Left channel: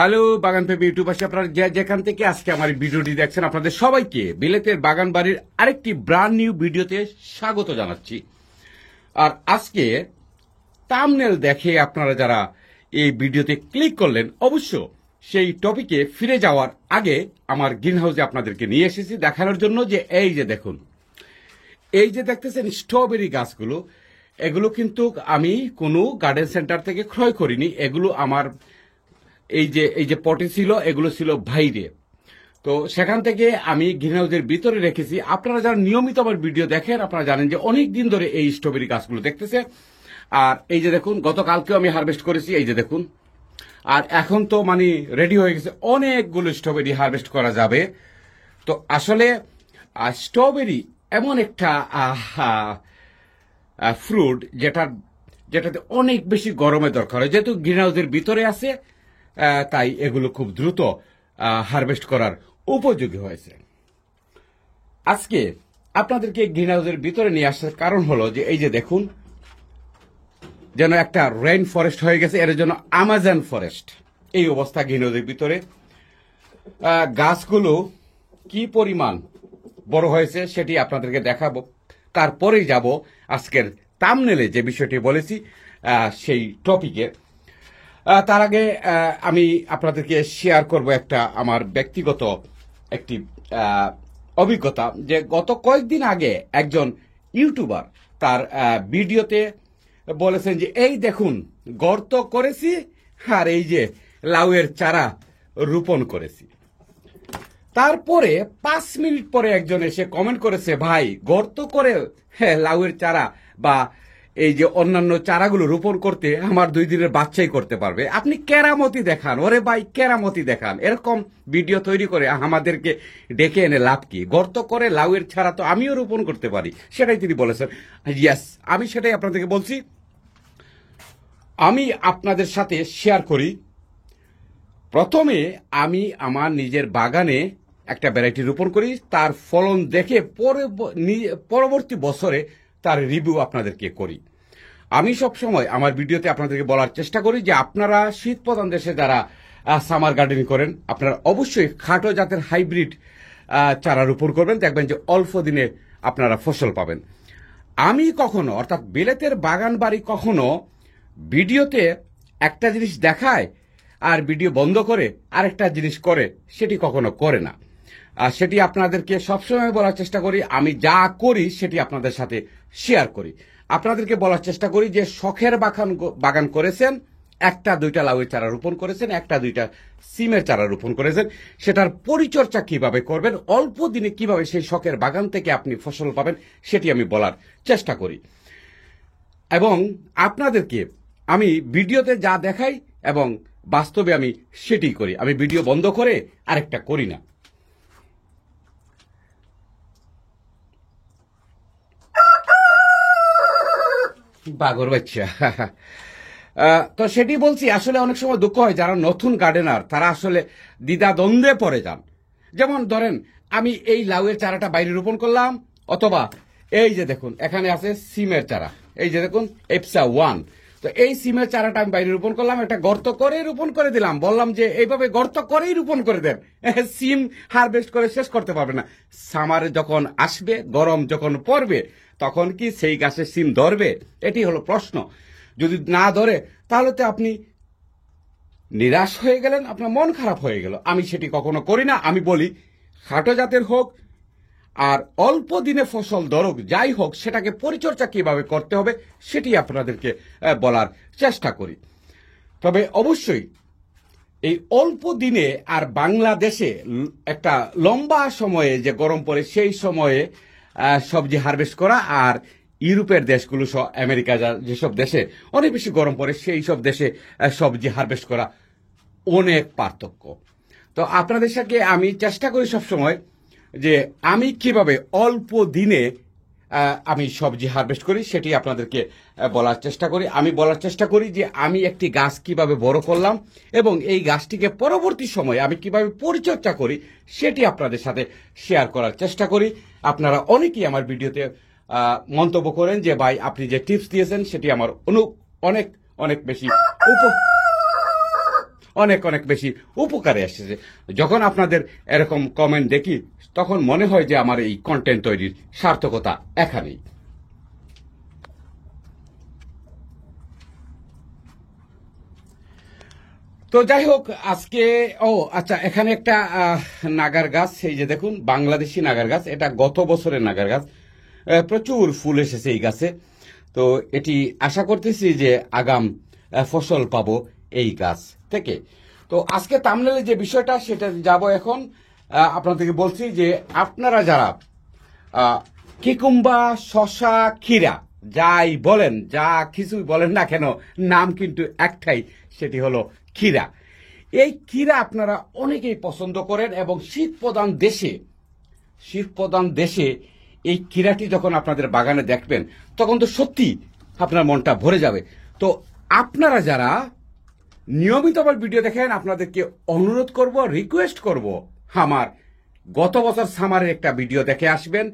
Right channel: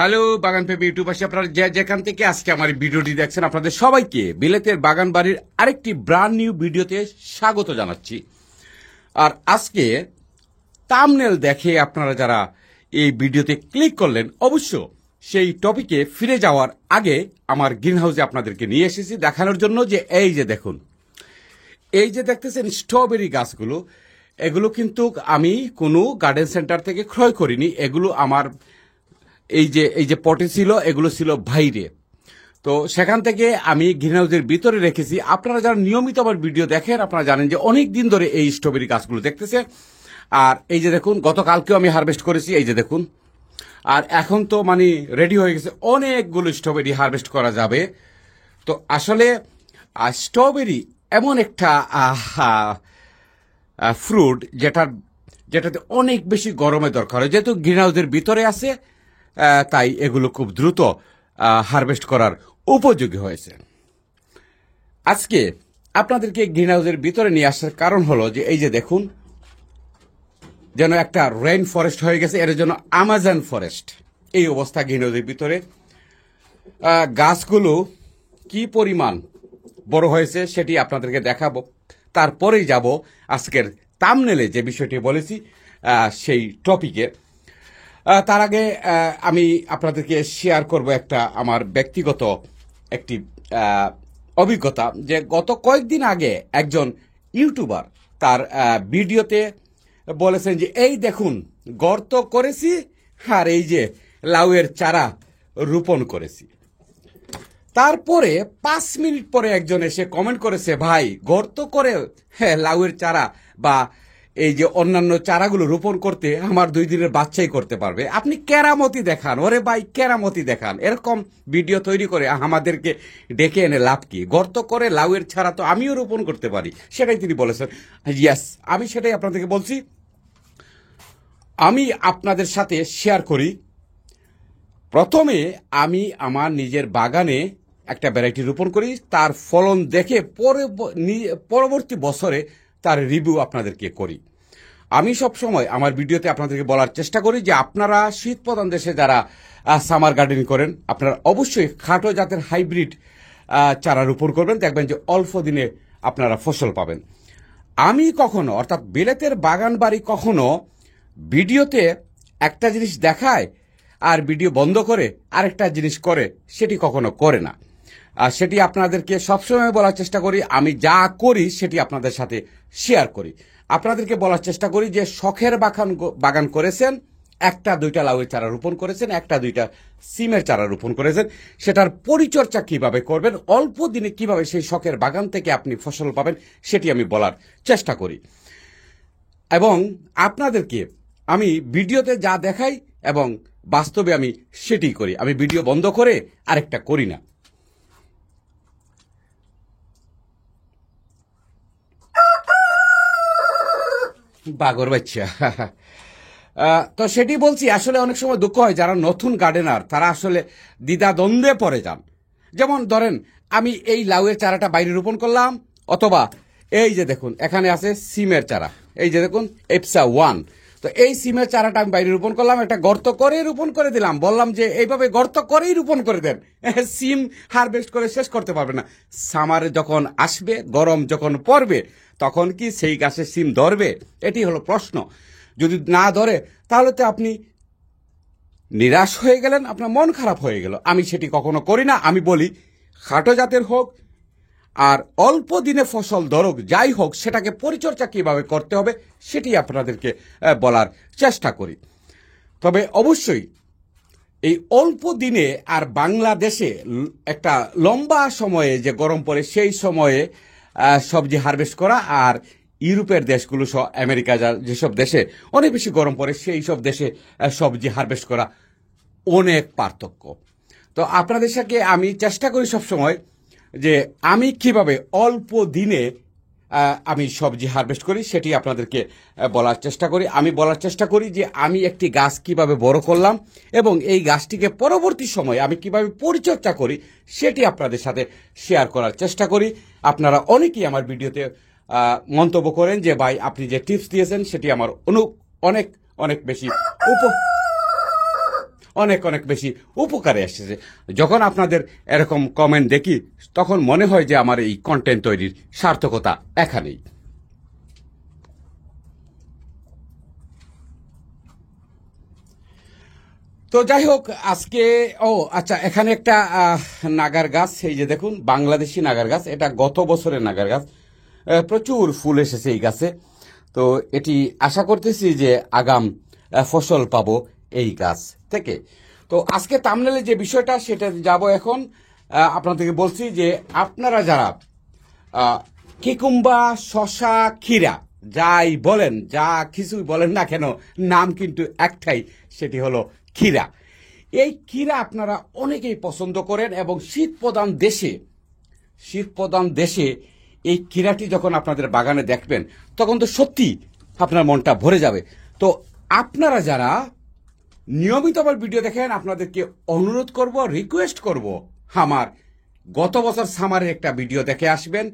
Hello বাগান পেপে ইউটিউবাসী, আপনারা যেখান থেকে আজকে আমার ভিডিওটি দেখছেন আপনাদের সবাইকে বিলেতের বাগান বাড়ির আরেকটি ব্র্যান্ড নিউ ভিডিওতে স্বাগত জানাচ্ছি। আর আজকে থাম্বনেল দেখে আপনারা যারা এই ভিডিওতে ক্লিক করলেন, অবশ্য সেই টপিকে ফিরে যাওয়ার আগে আমার গ্রিন হাউসে আপনাদেরকে নিয়ে এসেছি দেখানোর জন্য যে এই যে দেখুন, এই যে দেখতেছেন স্ট্রবেরি গাছগুলো, এগুলো কিন্তু আমি কোনো গার্ডেন সেন্টার থেকে ক্রয় করিনি। এগুলো আমার এই যে পটে ছিল, এগুলো ছিল বাইরে, তো সেখান থেকে আমি গ্রিন হাউসের ভিতরে রেখেছি। আপনারা যারা নিয়মিত আমার ভিডিও দেখেন আপনারা জানেন যে অনেক দিন ধরে এই স্ট্রবেরি গাছগুলো দেখতেছে। আর এই যে দেখুন, গতকালকেও আমি হারভেস্ট করেছি, এই যে দেখুন। আর এখন তো মানে রেডি হয়ে গেছে, অনেকগুলো স্ট্রবেরি হারভেস্ট করা যাবে। তো আসলে স্ট্রবেরি এমন একটা ফ্রুট যেটাতে অনেক বেশি গরমের দরকার হয়। যেহেতু গ্রিন হাউসের ভিতরে আছে, তাই এগুলো খুব দ্রুত হারভেস্ট করার উপযোগী হয়েছে। আজকে আপনাদেরকে গ্রিন হাউসের ভিতরে নিয়ে আসার কারণ হলো যে এই যে দেখুন, যেন একটা রেইন ফরেস্ট হয়ে গেছে, এর জন্য আমাজন ফরেস্ট এই অবস্থা গ্রিন হাউসের ভিতরে। গাছগুলো কি পরিমাণ বড় হয়েছে সেটি আপনাদেরকে দেখাবো, তারপরেই যাব আজকের থাম্বনেলে যে বিষয়টি বলেছি সেই টপিকে। তার আগে আমি আপনাদেরকে শেয়ার করব একটা আমার ব্যক্তিগত একটি অভিজ্ঞতা, যে গত কয়েকদিন আগে একজন ইউটিউবার তার ভিডিওতে বলেছেন যে এই দেখুন গর্ত করেছি আর এই যে লাউয়ের চারা রোপণ করেছি। তারপরে 5 মিনিট পরে একজন এসে কমেন্ট করেছে, ভাই গর্ত করে লাউয়ের চারা বা এই যে অন্যান্য চারাগুলো রোপণ করতে আমার 2 দিনের বাচ্চাই করতে পারবে। আপনি কেরামতি দেখান, ওরে ভাই কেরামতি দেখান। এরকম ভিডিও তৈরি করে আমাদেরকে ডেকে এনে লাভ কি? গর্ত করে লাউয়ের চারা তো আমিও রোপণ করতে পারি, সেটাই তিনি বলেছেন। ইয়েস, আমি সেটাই আপনাদেরকে বলছি। আমি আপনাদের সাথে শেয়ার করি। প্রথমে আমি আমার নিজের বাগানে একটা ভ্যারাইটি রোপণ করি, তার ফলন দেখে পরবর্তী বছরে তার রিভিউ আপনাদেরকে করি। আমি সব সময় আমার ভিডিওতে আপনাদেরকে বলার চেষ্টা করি যে আপনারা শীত প্রধান দেশে যারা সামার গার্ডেনিং করেন, আপনারা অবশ্যই খাটো জাতের হাইব্রিড চারা রোপণ করবেন, দেখবেন যে অল্প দিনে আপনারা ফসল পাবেন। আমি কখনো, অর্থাৎ বিলেতের বাগান বাড়ি কখনো ভিডিওতে একটা জিনিস দেখায় আর ভিডিও বন্ধ করে আরেকটা জিনিস করে, সেটি কখনো করে না। আর সেটি আপনাদেরকে সবসময় বলার চেষ্টা করি, আমি যা করি সেটি আপনাদের সাথে শেয়ার করি। আপনাদেরকে বলার চেষ্টা করি যে শখের বাগান করেছেন, 1-2টা লাউয়ের চারা রোপণ করেছেন, 1-2টা সিমের চারা রোপণ করেছেন, সেটার পরিচর্যা কিভাবে করবেন, অল্প দিনে কিভাবে সেই শখের বাগান থেকে আপনি ফসল পাবেন, সেটি আমি বলার চেষ্টা করি। এবং আপনাদেরকে আমি ভিডিওতে যা দেখাই এবং বাস্তবে আমি সেটি করি। আমি ভিডিও বন্ধ করে আরেকটা করি না। বাগর বাচ্চা তো সেটি বলছি। আসলে অনেক সময় দুঃখ হয়, যারা নতুন গার্ডেনার তারা আসলে দ্বিধাদ্বন্দ্বে পড়ে যান। যেমন ধরেন, আমি এই লাউয়ের চারাটা বাইরে রোপণ করলাম, অথবা এই যে দেখুন এখানে আছে সিমের চারা, এই যে দেখুন এপসা 1। তো এই সিমের চারাটা আমি বাইরে রোপণ করলাম, একটা গর্ত করেই রোপণ করে দিলাম, বললাম যে এইভাবে গর্ত করেই রোপণ করে দেন, সিম হারভেস্ট করে শেষ করতে পারবে না। সামারে যখন আসবে, গরম যখন পড়বে, তখন কি সেই গাছের সিম ধরবে? এটি হলো প্রশ্ন। যদি না ধরে তাহলে তো আপনি নিরাশ হয়ে গেলেন, আপনার মন খারাপ হয়ে গেল। আমি সেটি কখনো করি না। আমি বলি খাটো জাতের হোক আর অল্প দিনে ফসল ধরুক, যাই হোক, সেটাকে পরিচর্যা কিভাবে করতে হবে সেটি আপনাদেরকে বলার চেষ্টা করি। তবে অবশ্যই এই অল্প দিনে আর বাংলাদেশে একটা লম্বা সময়ে যে গরম পড়ে সেই সময়ে সবজি হারভেস্ট করা, আর ইউরোপের দেশগুলো সহ আমেরিকা যেসব দেশে অনেক বেশি গরম পড়ে সেই সব দেশে সবজি হারভেস্ট করা অনেক পার্থক্য। তো আপনাদের সাথে আমি চেষ্টা করি সবসময় যে আমি কিভাবে অল্প দিনে আমি সবজি হারভেস্ট করি সেটি আপনাদেরকে বলার চেষ্টা করি। আমি বলার চেষ্টা করি যে আমি একটি গাছ কিভাবে বড় করলাম এবং এই গাছটিকে পরবর্তী সময়ে আমি কিভাবে পরিচর্যা করি সেটি আপনাদের সাথে শেয়ার করার চেষ্টা করি। আপনারা অনেকেই আমার ভিডিওতে মন্তব্য করেন যে ভাই আপনি যে টিপস দিয়েছেন সেটি আমার অনেক অনেক বেশি অনেক অনেক বেশি উপকারে এসেছে। যখন আপনাদের এরকম কমেন্ট দেখি তখন মনে হয় যে আমার এই কন্টেন্ট তৈরির সার্থকতা এখানেই। তো যাই হোক, আজকে আচ্ছা, এখানে একটা নাগার গাছ, এই যে দেখুন বাংলাদেশি নাগার গাছ, এটা গত বছরের নাগার গাছ, প্রচুর ফুল এসেছে এই গাছে। তো এটি আশা করতেছি যে আগাম ফসল পাবো এই গাছ থেকে। তো আজকে থাম্বনেলে যে বিষয়টা সেটা যাব এখন। আপনাদেরকে বলছি যে আপনারা যারা কিকুম্বা, শশা, ক্ষীরা যাই বলেন, যা কিছুই বলেন না কেন, নাম কিন্তু একটাই, সেটি হলো ক্ষীরা। এই ক্ষীরা আপনারা অনেকেই পছন্দ করেন এবং শীত প্রধান দেশে এই ক্ষীরাটি যখন আপনাদের বাগানে দেখবেন তখন তো সত্যি আপনার মনটা ভরে যাবে। তো আপনারা যারা নিয়মিত আমার ভিডিও দেখেন, আপনাদেরকে অনুরোধ করব, রিকোয়েস্ট করব, আমার গত বছর সামারের একটা ভিডিও দেখে আসবেন।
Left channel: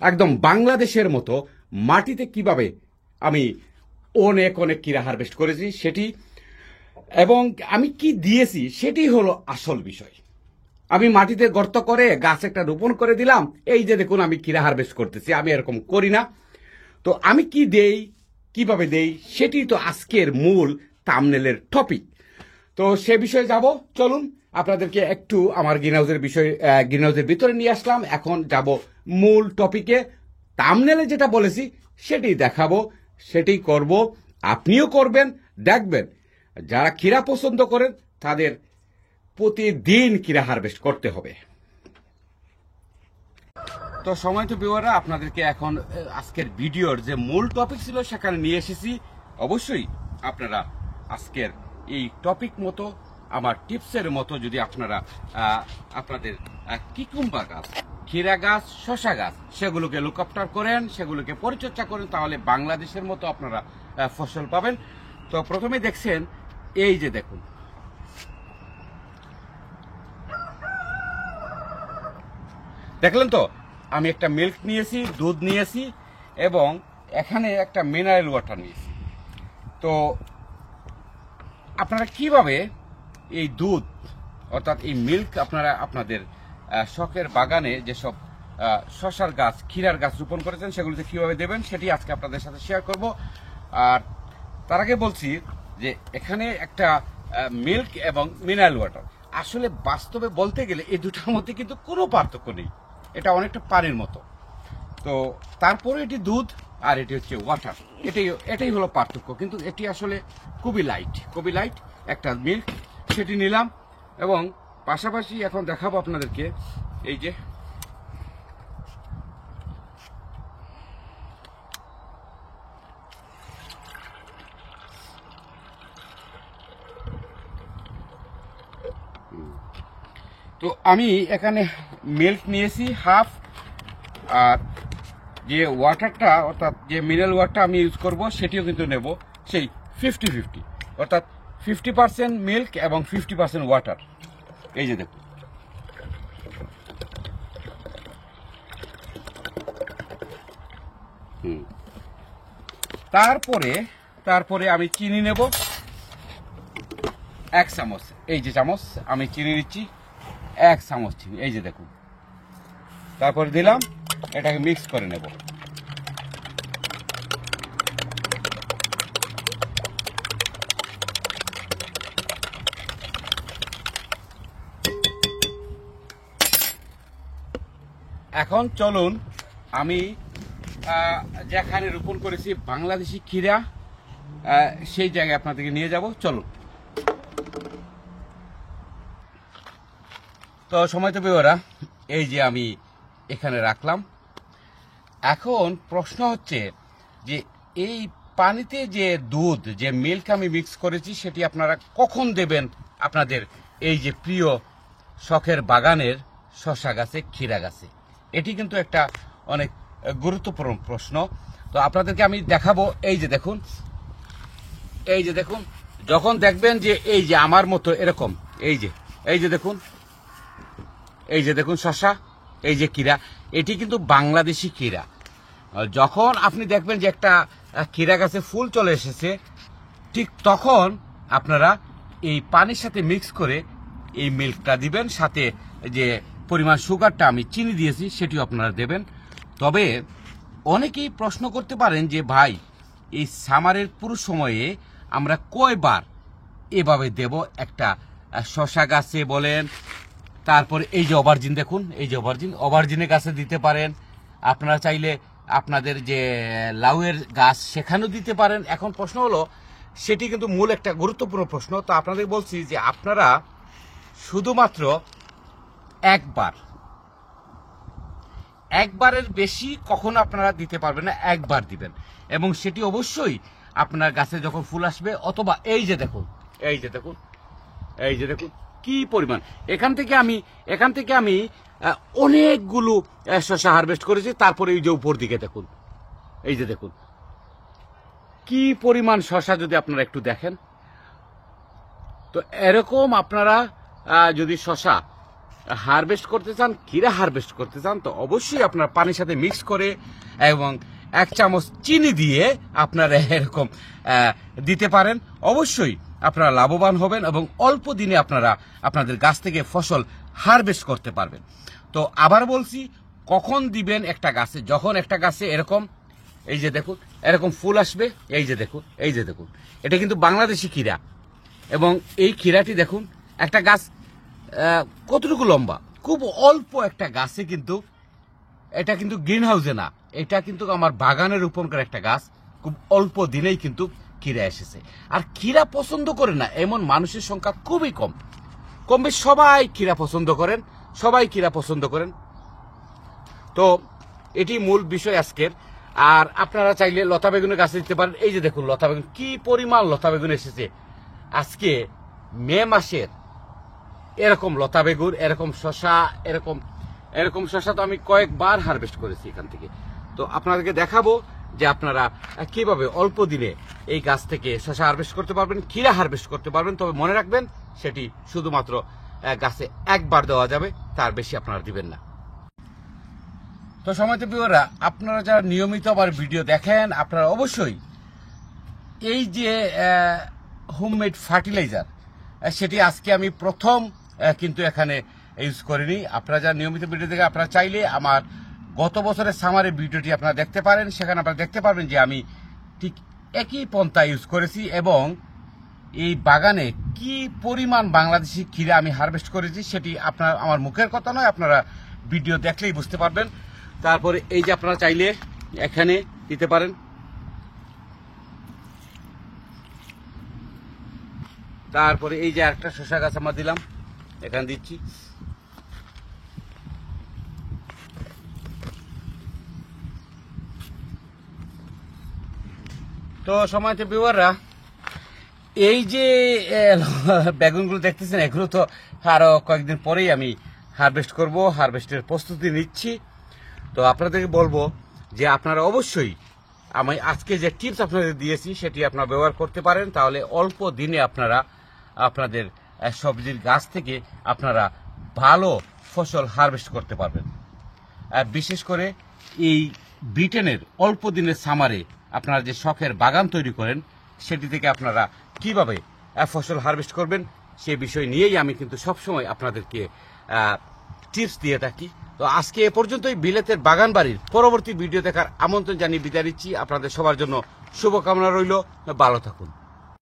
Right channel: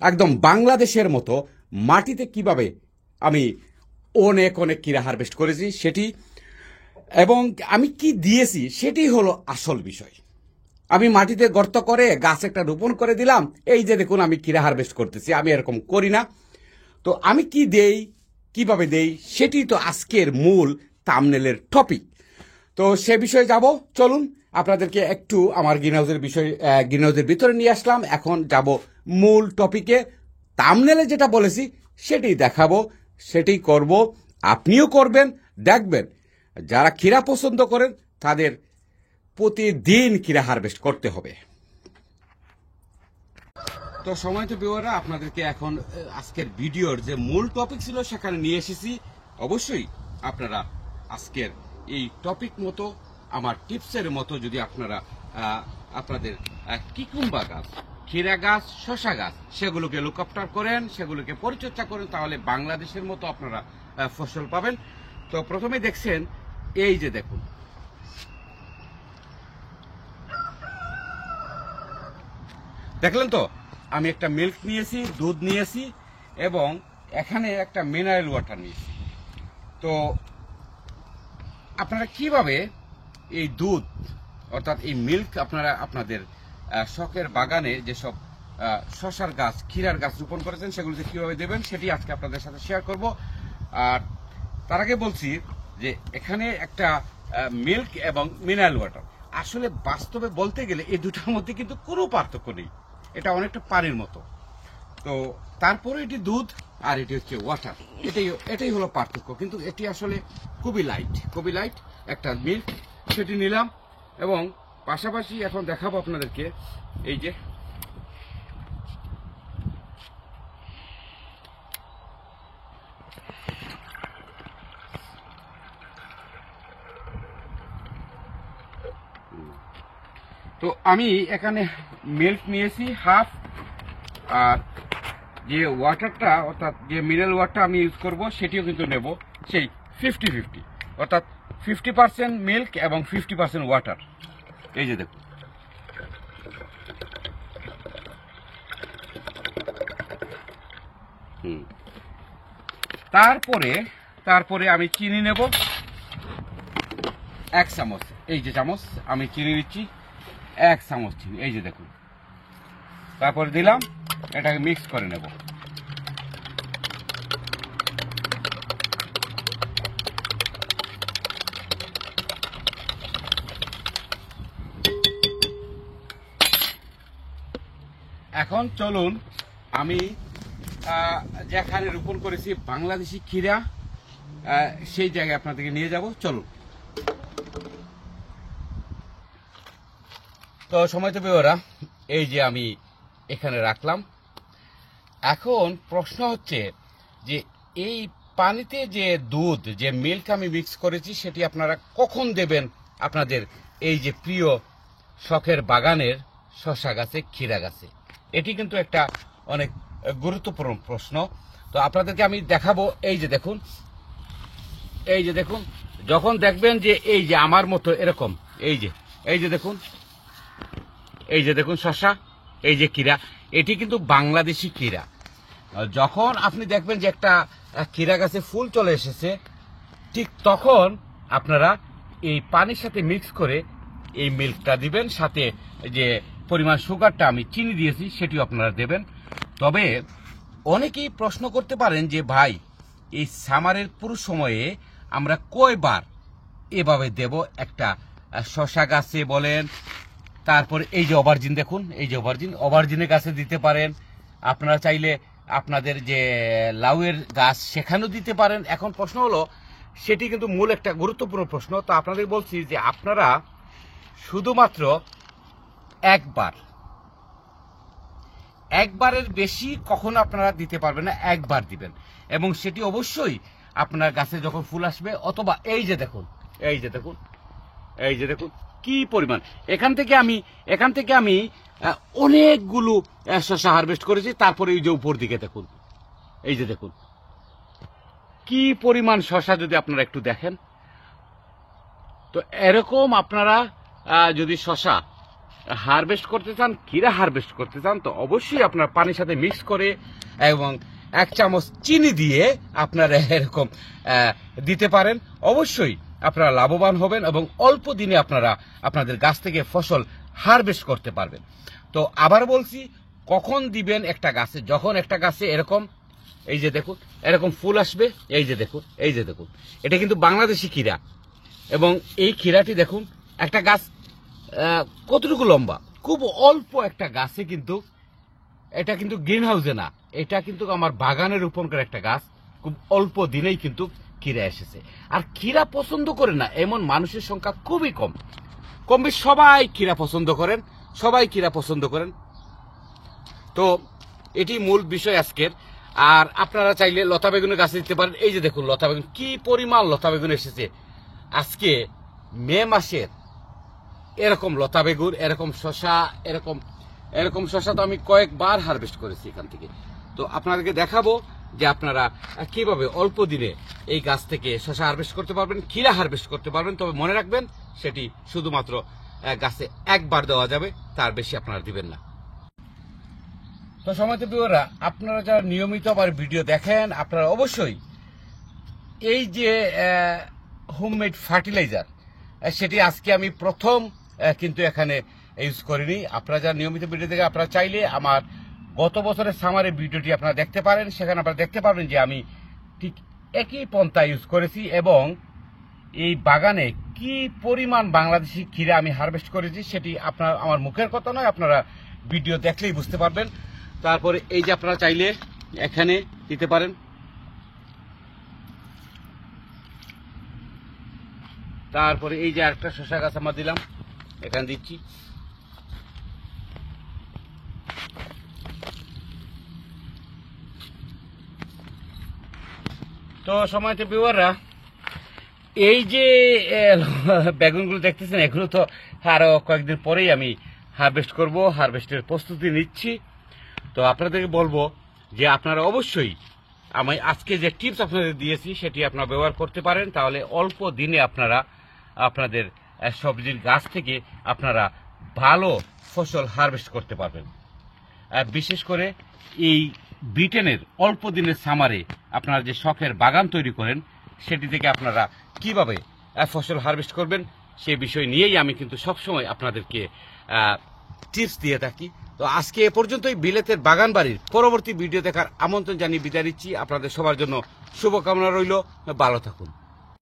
একদম বাংলাদেশের মতো মাটিতে কিভাবে আমি অনেক অনেক ক্ষীরা হারভেস্ট করেছি সেটি, এবং আমি কি দিয়েছি সেটি হলো আসল বিষয়। আমি মাটিতে গর্ত করে গাছ একটা রোপণ করে দিলাম, এই যে দেখুন আমি ক্ষীরা হারভেস্ট করতেছি, আমি এরকম করি না। তো আমি কি দেই, কিভাবে দেই, সেটি তো আজকের মূল থাম্বনেলের টপিক। তো সে বিষয়ে যাব, চলুন আপনাদেরকে একটু আমার গ্রিন হাউসের ভিতরে নিয়ে আসলাম। এখন যাব মূল টপিকে। থাম্বনেলে যেটা বলেছি সেটি দেখাবো, সেটি করব, আপনিও করবেন, দেখবেন যারা ক্ষীরা পছন্দ করেন তাদের প্রতিদিন ক্ষীরা হারভেস্ট করতে হবে। তো সময়ত ভিউয়াররা, আপনাদেরকে এখন আজকের ভিডিওর যে মূল টপিক ছিল সেখানে নিয়ে এসেছি। অবশ্যই আপনারা আজকের এই টপিক মতো, আমার টিপসের মতো যদি আপনারা আপনাদের কিকুম্বা গাছ, ক্ষীরা গাছ, শশা গাছ সেগুলোকে লুক আফটার করেন, সেগুলোকে পরিচর্যা করেন, তাহলে বাংলাদেশের মতো আপনারা ফসল পাবেন। তো প্রথমে দেখছেন, এই যে দেখুন, দেখলেন তো আমি একটা মিল্ক নিয়েছি, দুধ নিয়েছি, এবং এখানে একটা মিনারেল ওয়াটার নিয়েছি। তো আপনারা কিভাবে এই দুধ অর্থাৎ এই মিল্ক আপনারা আপনাদের শখের বাগানে যেসব শশার গাছ, ক্ষীরার গাছ রোপণ করেছেন সেগুলোতে কিভাবে দেবেন সেটি আজকে আপনাদের সাথে শেয়ার করব। আর তার আগে বলছি যে এখানে একটা মিল্ক এবং মিনারেল ওয়াটার, আসলে বাস্তবে বলতে গেলে এই দুটার মধ্যে কিন্তু কোনো পার্থক্য নেই, এটা অনেকটা পানির মতো। তো তারপরে এটি দুধ আর এটি হচ্ছে ওয়াটার, এটাই হলো পার্থক্য। কিন্তু এটি আসলে খুবই লাইট একটা মিল্ক, সেটি নিলাম। এবং পাশাপাশি এখন দেখাবো আপনাদেরকে, এই যে তো আমি এখানে মিল্ক নিয়েছি হাফ, আর যে ওয়াটারটা অর্থাৎ যে মিনারেল ওয়াটার আমি ইউজ করব সেটিও কিন্তু নেব সেই 50-50, অর্থাৎ 50% মিল্ক এবং 50% ওয়াটার। এই যে দেখুন, তারপরে আমি চিনি নেব 1 চামচ, এই যে চামচ আমি চিনি নিচ্ছি 1 চামচ চিনি, এই যে দেখুন। তারপরে দিলাম, এটাকে মিক্স করে নেব। এখন চলুন আমি যেখানে রোপণ করেছি বাংলাদেশি ক্ষীরা, সেই জায়গায় আপনাদেরকে নিয়ে যাব, চলুন। তো সময় তো বেওরা, এই যে আমি এখানে রাখলাম। এখন প্রশ্ন হচ্ছে যে এই পানিতে যে দুধ, যে মিল্ক আমি মিক্স করেছি সেটি আপনারা কখন দেবেন আপনাদের এই যে প্রিয় শখের বাগানের শশা গাছে, ক্ষীরা গাছে? এটি কিন্তু একটা অনেক গুরুত্বপূর্ণ প্রশ্ন। তো আপনাদেরকে আমি দেখাবো, এই যে দেখুন, যখন দেখবেন যে এই যে আমার মতো এরকম, এই যে দেখুন শশা, এই যে ক্ষীরা, এটি কিন্তু বাংলাদেশি ক্ষীরা। যখন আপনি দেখবেন যে একটা ক্ষীরা গাছে ফুল চলে এসেছে, ঠিক তখন আপনারা এই পানির সাথে মিক্স করে এই মিল্কটা দিবেন, সাথে যে পরিমাণ সুগারটা আমি চিনি দিয়েছি সেটিও আপনারা দেবেন। তবে অনেকেই প্রশ্ন করতে পারেন যে ভাই, এই সামারের পুরো সময়ে আমরা কয়বার এভাবে দেব একটা শশা গাছে বলেন, তারপর এই যে অভারজিন দেখুন, এই যে অভারজিনের গাছে দিতে পারেন, আপনারা চাইলে আপনাদের যে লাউয়ের গাছ সেখানেও দিতে পারেন। এখন প্রশ্ন হলো, সেটি কিন্তু মূল একটা গুরুত্বপূর্ণ প্রশ্ন। তো আপনাদের বলছি যে আপনারা শুধুমাত্র একবারের বেশি কখনো আপনারা দিতে পারবেন না, একবার দিবেন। এবং সেটি অবশ্যই আপনার গাছে যখন ফুল আসবে, অথবা এই যে দেখুন কি পরিমাণ, এখান থেকে আমি অনেকগুলো শসা হারভেস্ট করেছি। তারপরে এই যে উপর দিকে দেখুন, এই যে দেখুন কি পরিমাণ শসা, যদি আপনারা একটু দেখেন। তো এরকম আপনারা যদি শসা হারভেস্ট করতে চান, ক্ষীরা হারভেস্ট করতে চান, তো অবশ্যই আপনারা পানির সাথে মিক্স করে এবং 1 চামচ চিনি দিয়ে আপনারা এরকম দিতে পারেন। অবশ্যই আপনারা লাভবান হবেন এবং অল্প দিনে আপনারা আপনাদের গাছ থেকে ফসল হারভেস্ট করতে পারবেন। তো আবার বলছি, কখন দিবেন একটা গাছে, যখন একটা গাছে এরকম এই যে দেখুন এরকম ফুল আসবে, এই যে দেখুন এটা কিন্তু বাংলাদেশি ক্ষীরা। এবং এই ক্ষীরাটি দেখুন, একটা গাছ কতটুকু লম্বা, খুব অল্প একটা গাছে, কিন্তু এটা কিন্তু গ্রিন হাউসে না, এটা কিন্তু আমার বাগানের রোপণ করা একটা গাছ। খুব অল্প দিনেই কিন্তু ক্ষীরা এসেছে। আর ক্ষীরা পছন্দ করে না এমন মানুষের সংখ্যা খুবই কম বেশ সবাই ক্ষীরা পছন্দ করেন। তো এটি মূল বিষয় আজকের। আর আপনারা চাইলে লতা বেগুনের গাছে দিতে পারেন। এই যে দেখুন লতা বেগুন, কি পরিমাণ লতা বেগুন এসেছে আজকে মে মাসের। এরকম লতা বেগুন, এরকম শসা, এরকম শসা তো আমি কয়েকবার হারভেস্ট করেছি এখান থেকে। তো আপনাদেরকে দেখাবো যে আপনারা কিভাবে অল্প দিনে এই গাছ থেকে শসা হারভেস্ট করতে পারবেন, ক্ষীরা হারভেস্ট করতে পারবেন। তবে মনে রাখবেন, সেটি শুধুমাত্র গাছে একবার দেওয়া যাবে, তার বেশি আপনারা দিবেন না। তো সময়ত প্রিয়রা, আপনারা যারা নিয়মিত আমার ভিডিও দেখেন, আপনারা অবশ্যই এই যে হোমমেড ফার্টিলাইজার, সেটি আজকে আমি প্রথম কিন্তু এখানে ইউজ করিনি। আপনারা যারা নিয়মিত ভিডিও দেখেন, আপনারা চাইলে আমার গত বছরের সামারের ভিডিওটি আপনারা দেখতে পারেন। সেখানে আপনারা দেখতে পারবেন যে আমি ঠিক একই পন্থা ইউজ করেছি এবং এই বাগানে কি পরিমাণ বাংলাদেশি ক্ষীরা আমি হারভেস্ট করেছি সেটি আপনার আমার মুখের কথা নয়, আপনারা ভিডিও দেখলেই বুঝতে পারবেন। তারপরে এই যে আপনারা চাইলে এখানে দিতে পারেন। তারপরে এই যে একটা শসা গাছ আমরা দিলাম, এখানে দিচ্ছি। তো সময়তে ভিউয়াররা, এই যে বেগুনগুলো দেখতেছেন, এগুলো তো আরো কয়েকদিন পরেই আমি হারভেস্ট করব, হারভেস্টের প্রস্তুতি নিচ্ছি। তো আপনাদেরকে বলবো যে আপনারা অবশ্যই আমি আজকে যে টিপস আপনাদের দিয়েছি সেটি আপনারা ব্যবহার করতে পারেন। তাহলে অল্প দিনে আপনারা আপনাদের সবজির গাছ থেকে আপনারা ভালো ফসল হারভেস্ট করতে পারবেন। আর বিশেষ করে এই ব্রিটেনের অল্প দিনের সামারে আপনারা যে শখের বাগান তৈরি করেন, সেটি থেকে আপনারা কিভাবে ফসল হারভেস্ট করবেন সেই বিষয় নিয়েই আমি কিন্তু সবসময় আপনাদেরকে টিপস দিয়ে থাকি। তো আজকে এ পর্যন্তই। বিলেতের বাগান বাড়ির পরবর্তী ভিডিও দেখার আমন্ত্রণ জানিয়ে বিদায় নিচ্ছি। আপনাদের সবার জন্য শুভকামনা রইল, ভালো থাকুন।